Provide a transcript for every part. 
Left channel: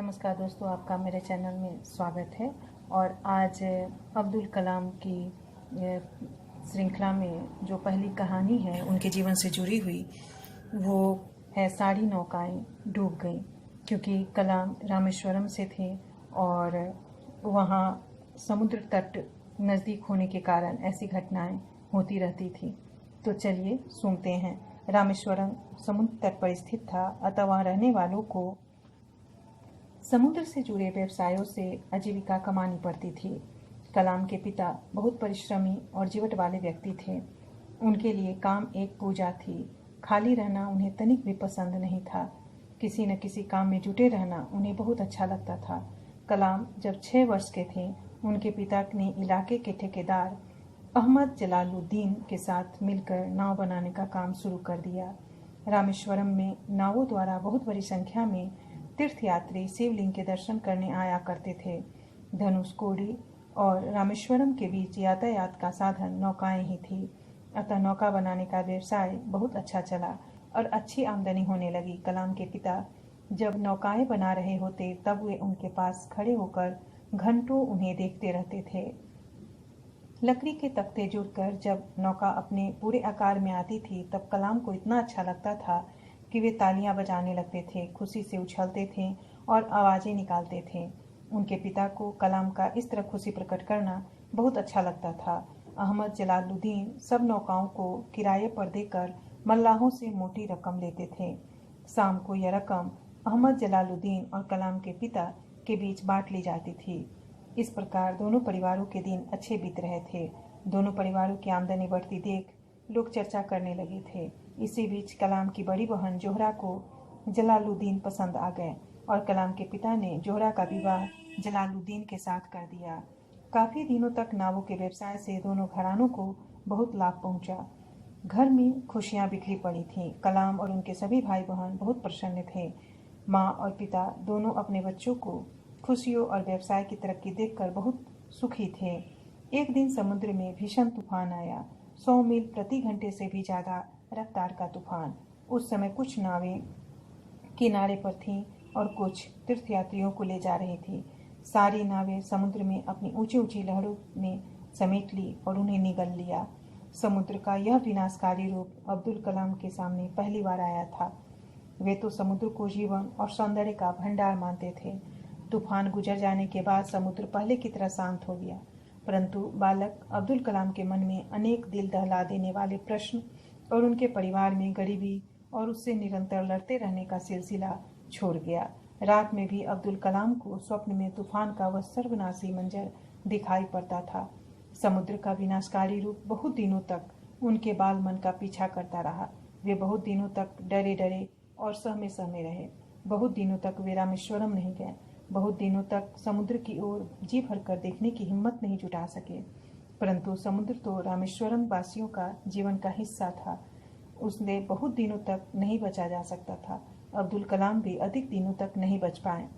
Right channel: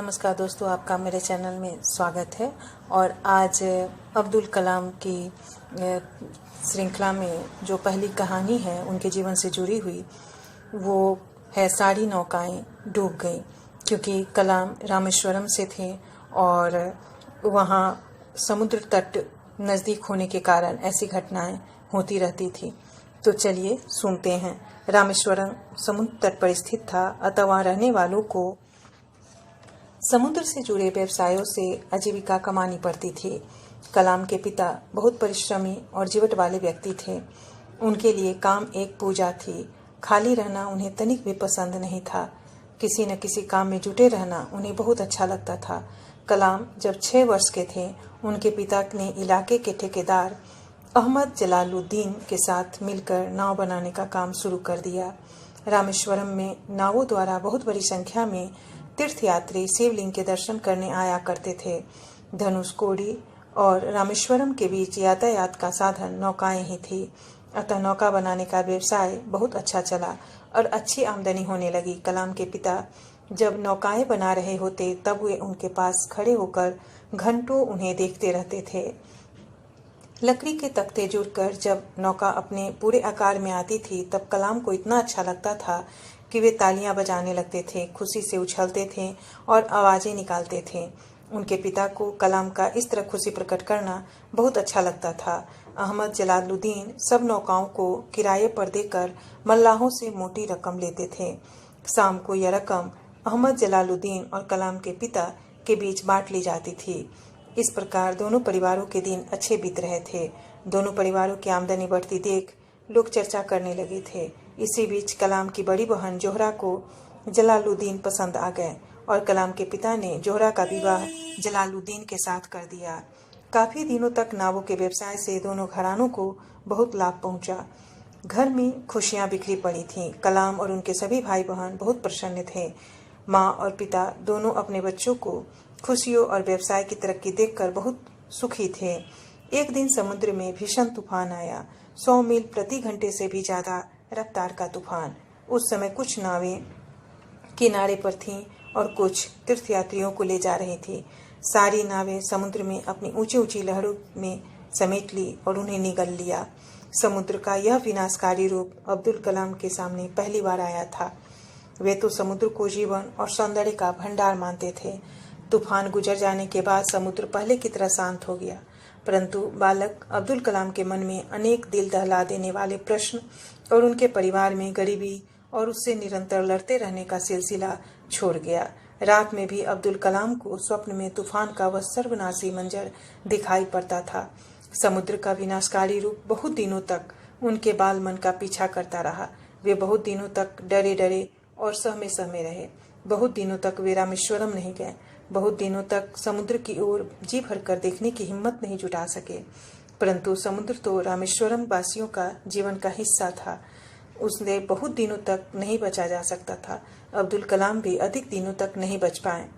नमस्कार दोस्तों, आपका मेरे चैनल में स्वागत है। और आज अब्दुल कलाम की श्रृंखला में जो पहली कहानी है उनके जीवन से जुड़ी हुई, वो है सारी नौकाएं डूब गईं। क्योंकि कलाम रामेश्वरम से थे और वहाँ समुद्र तट नज़दीक होने के कारण ऐसी घटनाएं होती रहती थी। तो चलिए सुनते हैं। रामेश्वरम समुद्र तट पर स्थित था, अतः वहाँ रहने वालों को समुद्र से जुड़े व्यवसायों से आजीविका कमानी पड़ती थी। कलाम के पिता बहुत परिश्रमी और जीवट वाले व्यक्ति थे। उनके लिए काम एक पूजा थी। खाली रहना उन्हें तनिक भी पसंद नहीं था। किसी न किसी काम में जुटे रहना उन्हें बहुत अच्छा लगता था। कलाम जब 6 वर्ष के थे, उनके पिता ने इलाके के ठेकेदार अहमद जलालुद्दीन के साथ मिलकर नाव बनाने का काम शुरू कर दिया। रामेश्वरम में नावों द्वारा बहुत बड़ी संख्या में तीर्थयात्री शिवलिंग के दर्शन करने आया करते थे। धनुषकोडी और रामेश्वरम के बीच यातायात का साधन नौकाएं ही थी। अतः नौका बनाने का व्यवसाय बहुत अच्छा चला और अच्छी आमदनी होने लगी। कलाम के पिता जब नौकाएं बना रहे होते तब वे उनके पास खड़े होकर घंटों उन्हें देखते रहते थे। लकड़ी के तख्ते जुड़कर जब नौका अपने पूरे आकार में आती थी तब कलाम को इतना अच्छा लगता था कि वे तालियां बजाने लगते थे, खुशी से उछलते थे और आवाज़ें निकालते थे। उनके पिता को कलाम का इस तरह खुशी प्रकट करना बहुत अच्छा लगता था। अहमद जलालुद्दीन सब नौकाओं को किराए पर देकर मल्लाहों से मोटी रकम लेते थे। शाम को यह रकम अहमद जलालुद्दीन और कलाम के पिता के बीच बांट ली जाती थी। इस प्रकार दोनों परिवारों के दिन अच्छे बीत रहे थे। दोनों परिवारों की आमदनी बढ़ती देख लोग चर्चा करने लगे थे। इसी बीच कलाम की बड़ी बहन जोहरा को जलालुद्दीन पसंद आ गए और कलाम के पिता ने जोहरा का विवाह जलालुद्दीन के साथ कर दिया। काफी दिनों तक नावों के व्यवसाय से दोनों घरानों को बहुत लाभ पहुंचा। घर में खुशियां बिखरी पड़ी थीं। कलाम और उनके सभी भाई बहन बहुत प्रसन्न थे। माँ और पिता दोनों अपने बच्चों को खुशियों और व्यवसाय की तरक्की देखकर बहुत सुखी थे। एक दिन समुद्र में भीषण तूफान आया। 100 मील प्रति घंटे से भी ज्यादा रफ्तार का तूफान। उस समय कुछ नावें किनारे पर थीं और कुछ तीर्थयात्रियों को ले जा रही थी। सारी नावें समुद्र में अपनी ऊंची ऊंची लहरों में समेट ली और उन्हें निगल लिया। समुद्र का यह विनाशकारी रूप अब्दुल कलाम के सामने पहली बार आया था। वे तो समुद्र को जीवन और सौंदर्य का भंडार मानते थे। तूफान गुजर जाने के बाद समुद्र पहले की तरह शांत हो गया, परंतु बालक अब्दुल कलाम के मन में अनेक दिल दहला देने वाले प्रश्न और उनके परिवार में गरीबी और उससे निरंतर लड़ते रहने का सिलसिला छोड़ गया। रात में भी अब्दुल कलाम को स्वप्न में तूफान का वह सर्वनाशी मंजर दिखाई पड़ता था। समुद्र का विनाशकारी रूप बहुत दिनों तक उनके बाल मन का पीछा करता रहा। वे बहुत दिनों तक डरे डरे और सहमे सहमे रहे। बहुत दिनों तक वे रामेश्वरम नहीं गए। बहुत दिनों तक समुद्र की ओर जी भरकर देखने की हिम्मत नहीं जुटा सके। परंतु समुद्र तो रामेश्वरम वासियों का जीवन का हिस्सा था। उसने बहुत दिनों तक नहीं बचा जा सकता था। अब्दुल कलाम भी अधिक दिनों तक नहीं बच पाए।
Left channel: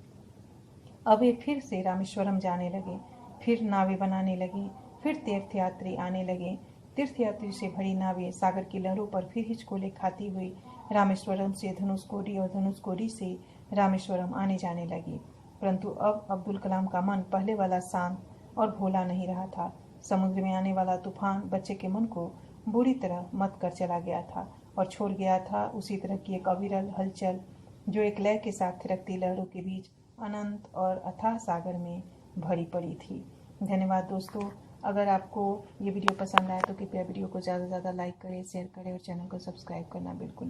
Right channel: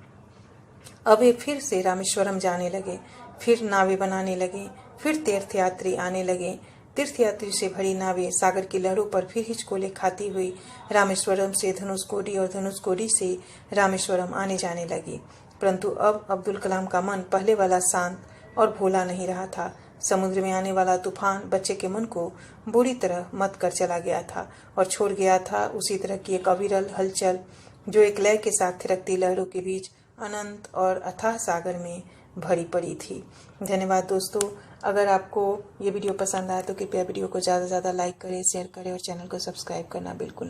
अब वे फिर से रामेश्वरम जाने लगे, फिर नावें बनाने लगे, फिर तीर्थयात्री आने लगे। तीर्थयात्री से भरी नावें सागर की लहरों पर फिर हिचकोले खाती हुई रामेश्वरम से धनुषकोडी और धनुषकोडी से रामेश्वरम आने जाने लगी। परंतु अब अब्दुल कलाम का मन पहले वाला शांत और भोला नहीं रहा था। समुद्र में आने वाला तूफान बच्चे के मन को बुरी तरह मत कर चला गया था और छोड़ गया था उसी तरह की एक अविरल हलचल जो एक लय के साथ थिरकती लहरों के बीच अनंत और अथाह सागर में भरी पड़ी थी। धन्यवाद दोस्तों। अगर आपको ये वीडियो पसंद आया तो कृपया वीडियो को ज़्यादा से ज़्यादा लाइक करें, शेयर करें और चैनल को सब्सक्राइब करना बिल्कुल